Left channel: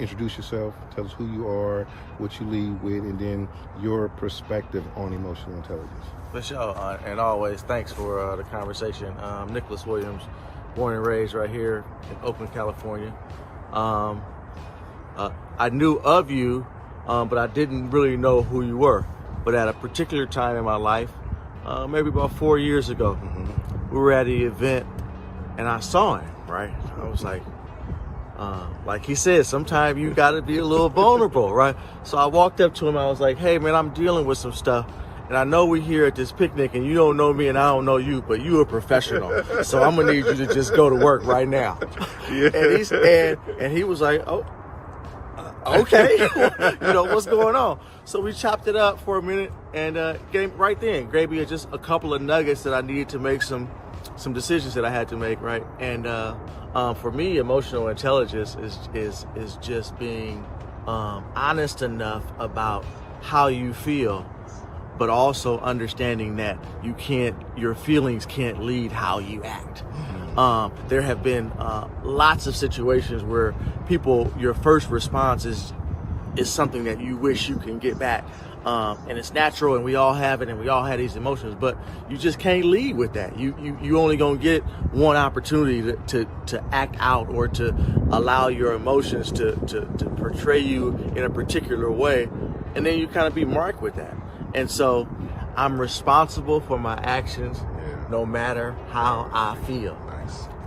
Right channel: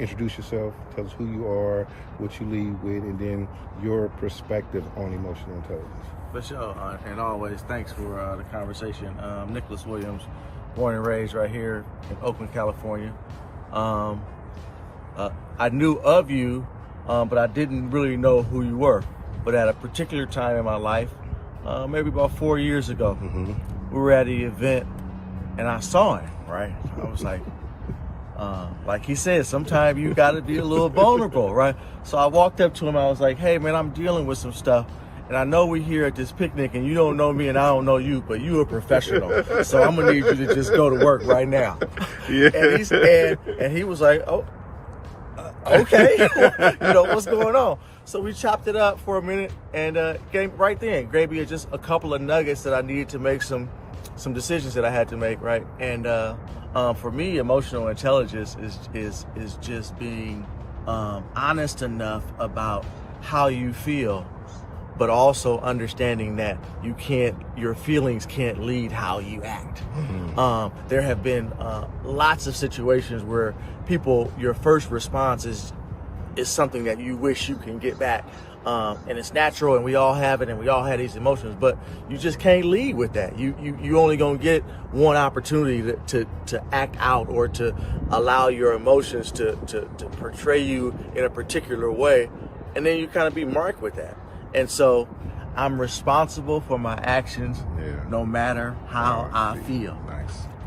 Introduce yourself, tell us who you are, what you lead with, and then your perspective on emotional intelligence. For sure, and always thanks for the conversation. Nicholas Williams, born and raised right here in Oakland, California. I knew of you, but I didn't really know who you were. But at a particular time in my life, maybe about 4 years ago, we were at an event, and I saw him, right? I was like he said, sometimes you got to be a little vulnerable, right? So I walked up to him. I was like, hey, man, I'm dealing with some stuff. And I know we're here at this picnic and you don't know me and I don't know you, but you're a professional. So I'm going to need you to just go to work right now. Yeah. And he was like, oh, okay. What's going on? So we chopped it up for a minute and gave me just a couple of nuggets that I needed to make some decisions that I had to make, right? And for me, emotional intelligence is just being honest enough about how you feel, but also understanding that your feelings can't lead how you act. There have been lots of situations where your first response is something that you wish you can get back. And it's natural, and we all have it, and we all have these emotions, but you just can't lead with that. You only gonna get one opportunity to act out or to allow your emotions to portray you in a particular way, and then you kind of be marked with that. And so I'm responsible for my actions no matter how I feel.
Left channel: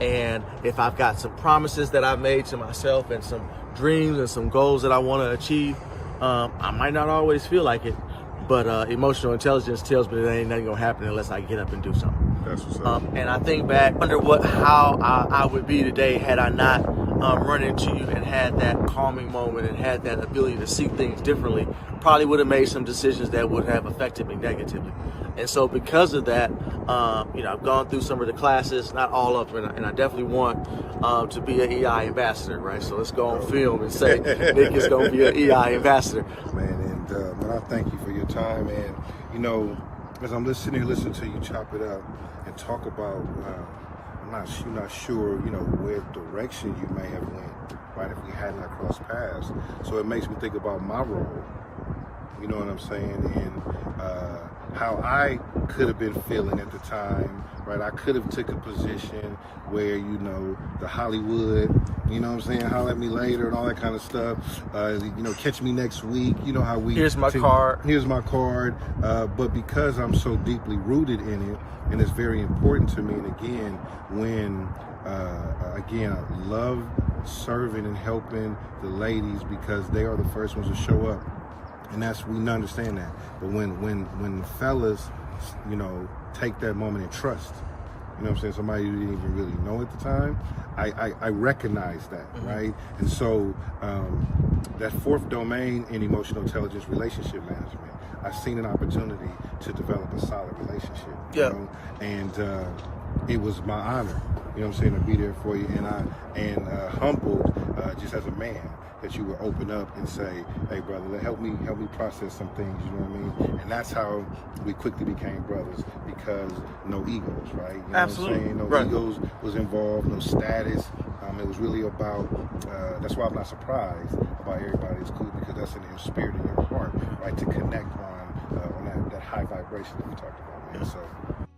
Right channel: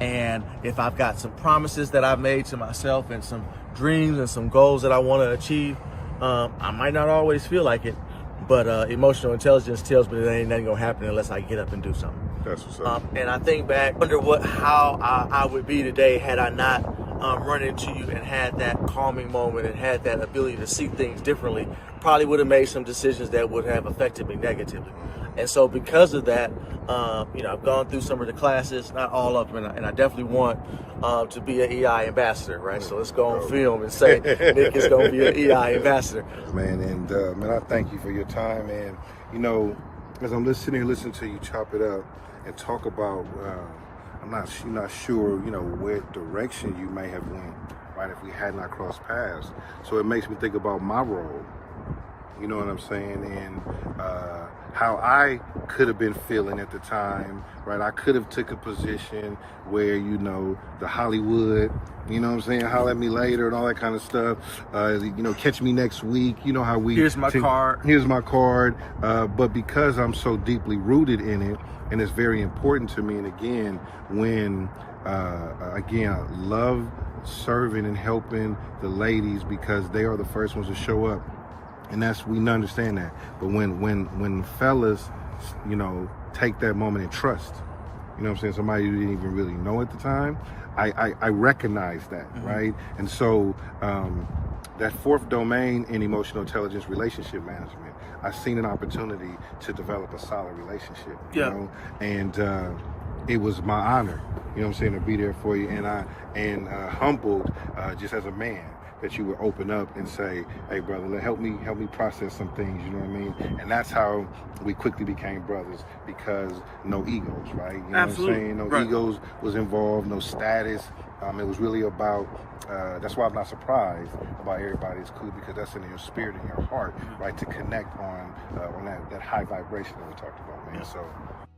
And if I've got some promises that I've made to myself and some dreams and some goals that I want to achieve, I might not always feel like it, but emotional intelligence tells me that ain't nothing gonna happen unless I get up and do something. And I think back, wonder how I would be today had I not run into you and had that calming moment and had that ability to see things differently. Probably would have made some decisions that would have affected me negatively. And so because of that, I've gone through some of the classes, not all of them, and I definitely want to be an EI ambassador, right? So let's go on film and say Nick is going to be an EI ambassador. Man, and I thank you for your time. And, as I'm listening to you chop it up and talk about, I'm not sure, where direction you may have went, right, if we had not crossed paths. So it makes me think about my role, you know what I'm saying, and how I could have been feeling at the time, right? I could have took a position where, the Hollywood, holler at me later and all that kind of stuff, catch me next week, how we... Here's my card. Here's my card. But because I'm so deeply rooted in it, and it's very important to me, and again, when, I love serving and helping the ladies because they are the first ones to show up. And we understand that. But when fellas, take that moment and trust, somebody you didn't even really know at the time, I recognize that, right? And so that fourth domain in emotional intelligence, relationship management, I've seen an opportunity to develop a solid relationship, and it was my honor, to be there for you, and humbled just as a man, that you would open up and say, hey brother, help me process some things, you know what I mean? And that's how we quickly became brothers, because no egos, right? You know Absolutely. what I'm saying? No egos was involved, no status. It was really about, that's why I'm not surprised about everybody is cool, because that's in your spirit and your heart, right? To connect on that high vibration that we talked about, man. So